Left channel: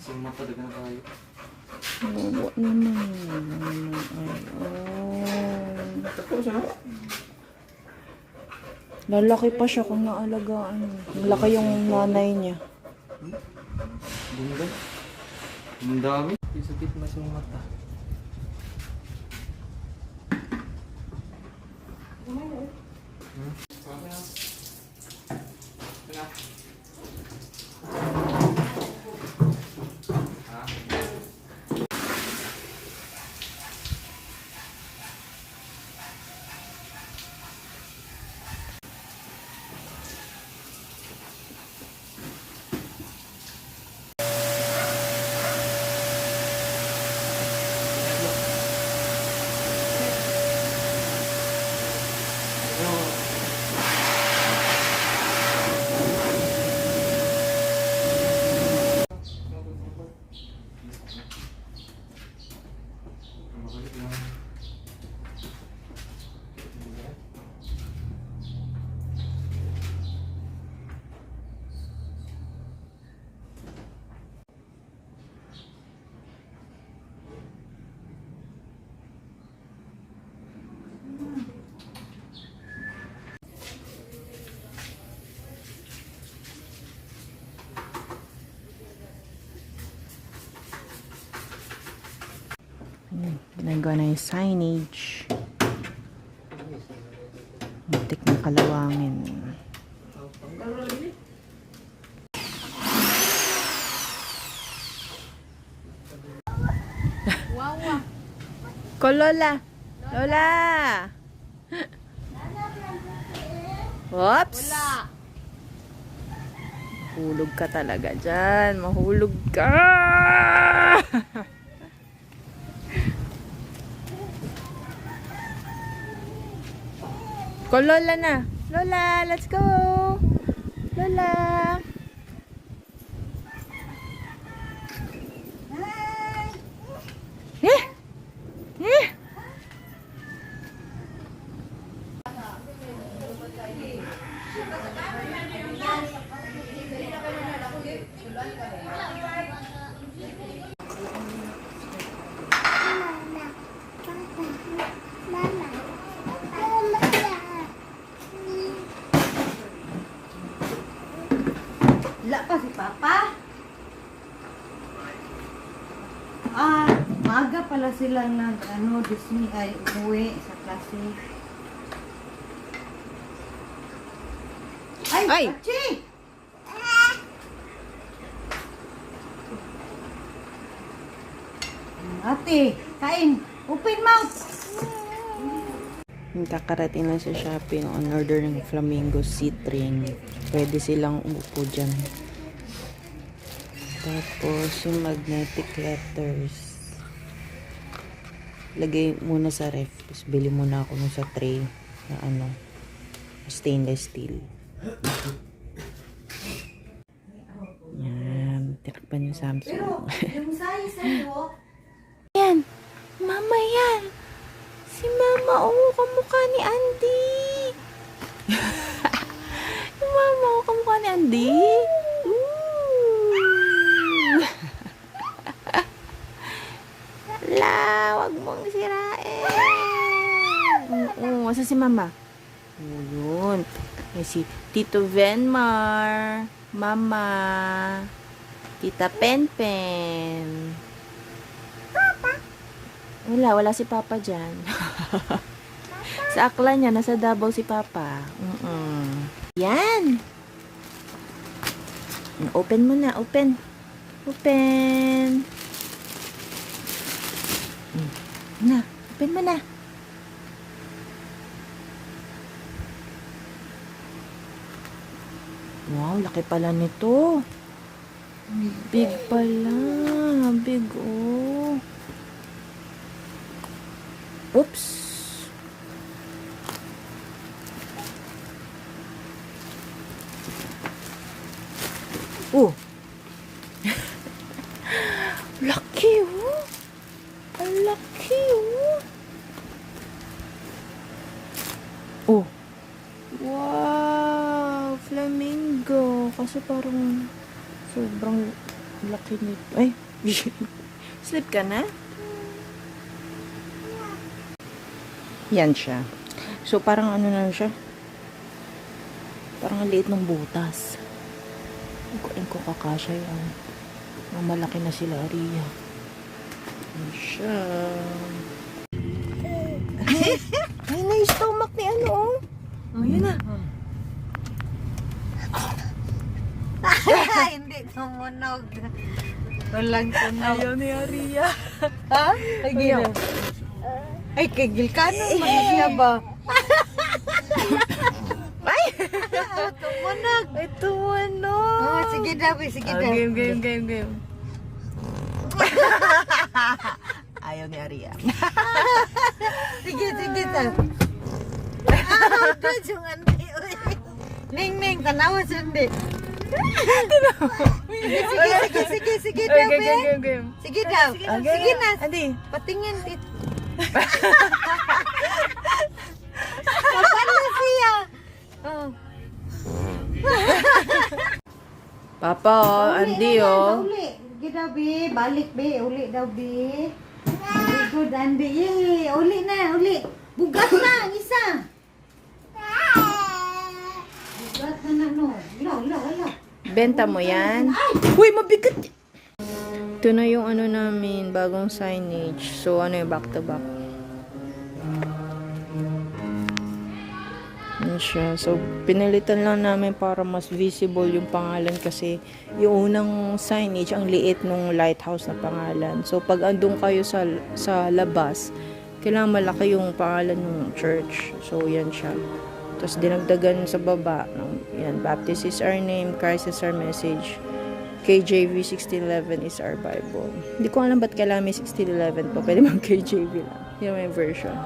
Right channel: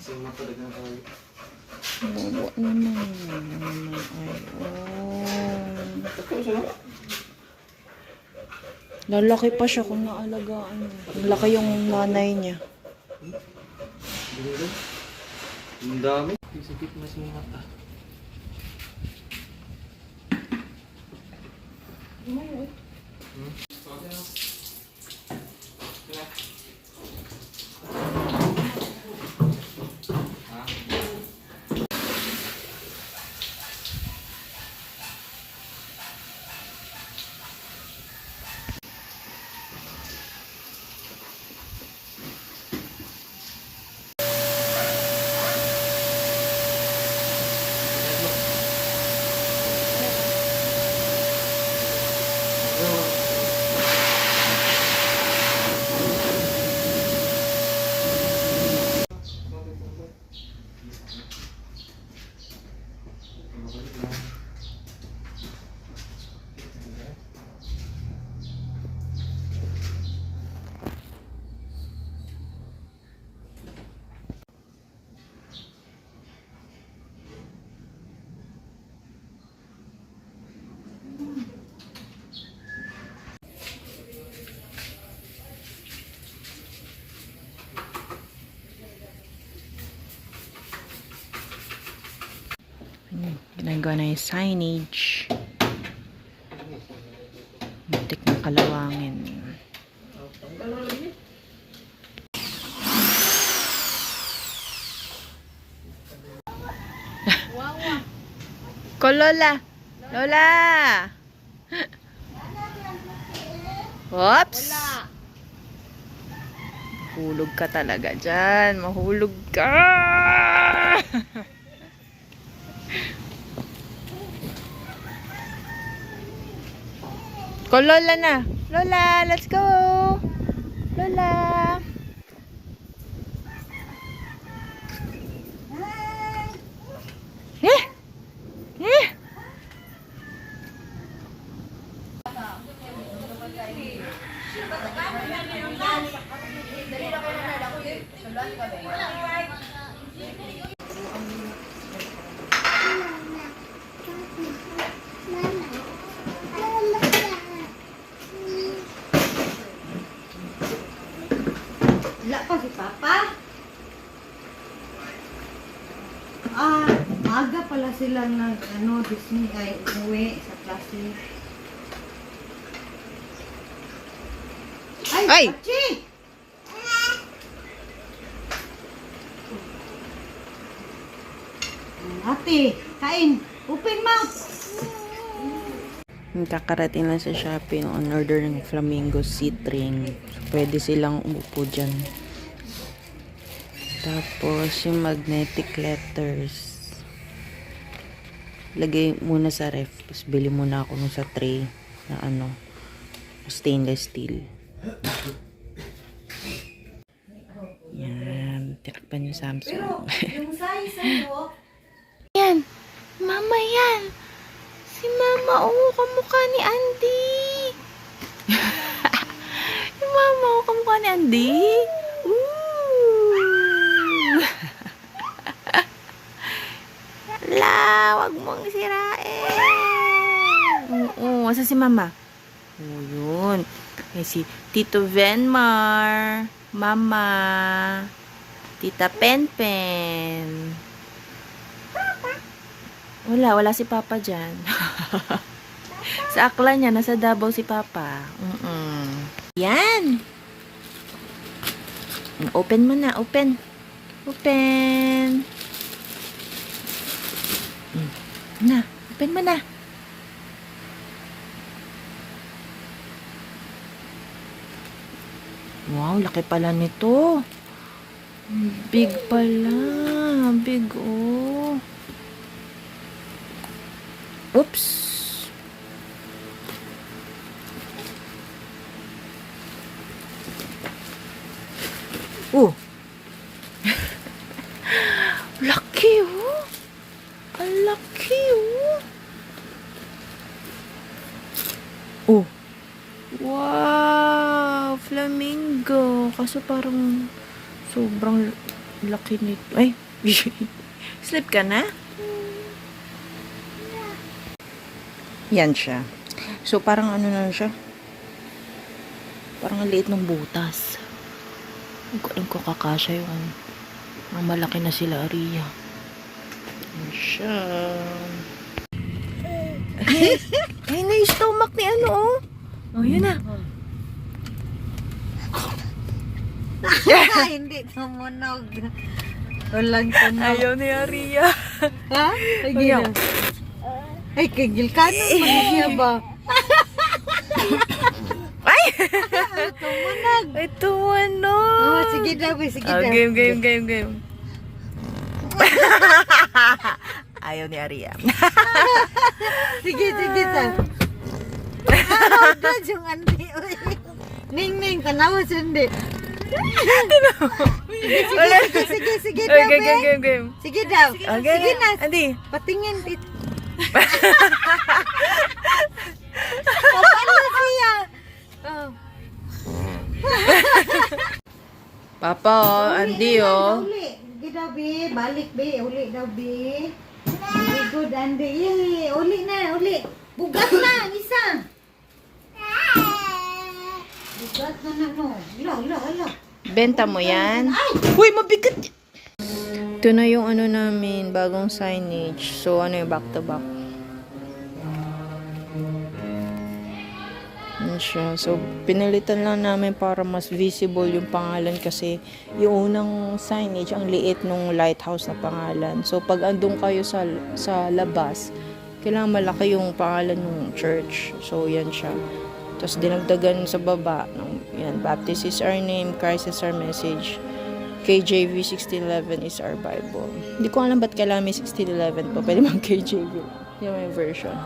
Sima talaga na tayo. Bobo naman. Ay, oh. Tapos ano? Lalaki pa siya kung naalagaan niya. Malaki yung nanay niya. Ganda. Ang dami. Sikip na sa mata. Ginagawa na yung signage. Muntik ng kalawangin. Ko Lola! Lola! Oops! Mahulog ka talaga dyan. Mahulog ka! Ko Lola na. Lola, let's go. Lola. Eh? Eh? Wala pa si Papa. Maaga pala sila ng Disney ay umuwi sa klase. Ay! Pachi! Ate, kain. Open mouth. Kakarating lang sa Shopee on order ng Flamingo seat ring. Pwede silang umupo dyan. Tapos yung magnetic letters. Lagay muna sa ref. Tapos bili muna ako nung sa tray na stainless steel. Yan. Tinakpan yung Samsung. Yung size mo. Yan. Mama yan. Si Mama, kamukha ni Andy. Yung Mama, kamukha ni Andy. La, wag mong sirain. Oo, asa si Mama? Oo, yun. Eh, si Tito Venmar, Mama, Tita Penpen. Wala si Papa dyan. Sa akla niya, nasa Davao si Papa. Yan! Open mo na, open. Open. Na, open mo na. Wow, laki pala nito. Big pala. Big, oh. Oops. Oh. Laki, oh. Ang laki, oh. Oh. Wow, flamingo. Kaso parang sobrang laki nito. Ay, sleep ka na? Yan siya. So, parang ano na siya. Parang ang liit ng butas. Hindi ko alam kung kakasya yung parang malaki na sila, Aria. Yan siya. Ay, na-stomach ni ano, oh. Oh, yun na. Hindi tumunog. Walang tunog. Ayaw ni Aria. Ha? Ayaw. Ay, kagil ka na. Manigya ba? Ay! Tumunog. Ito, ano? Oh, sige daw, sige daw. Game. Ayaw ni Aria. Sige daw. Dad, yung andi. Ning, tanawa siya hindi. Sige daw. Game. Sige daw. Sige na. Andi. Patingin dito. Paano siya? Papa, Andi, oh. Uli. Sige daw, Bi. Balik, Bi. Uli daw, Bi. Very good, Andi. Yay. Uli na, uli. Bugat na, isa. Bugat na, no. Ilo. Benta mo yan? Uy, mabigat! Ito na yung ano namin, bagong signage. So, ano yung back to back. Yan siya. So, pinalitan lang namin para mas visible yung pangalan kasi yung unang signage, ang liit nung lighthouse na pangalan. So, pag andun kayo sa labas, kailangan malaki yung pangalan ng church. So, yan siya. Tapos, dinagdagan sa baba. Yan, Baptist is our name, Christ is our message. KJV 1611 is our Bible. Hindi ko alam ba't kailangan may 1611 pa. Pwede mang KJV lang. Yung may version.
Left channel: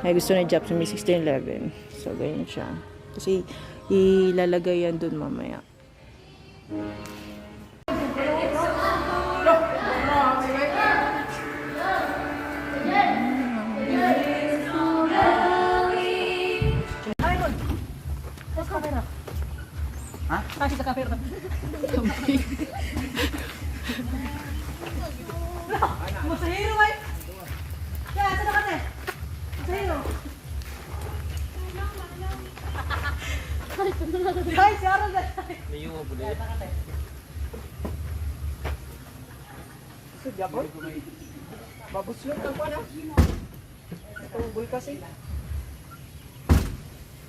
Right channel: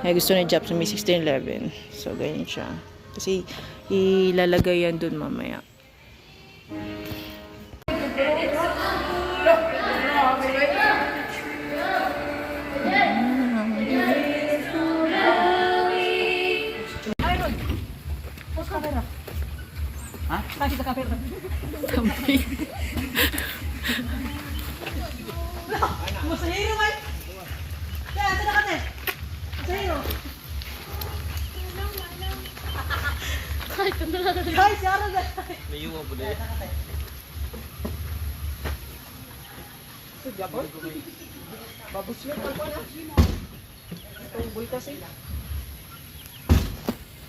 Ay, gusto na Japs may 1611. So, ganyan siya. Kasi, ilalagay yan dun mamaya. Babos yun, ako na. Tungkol kasi.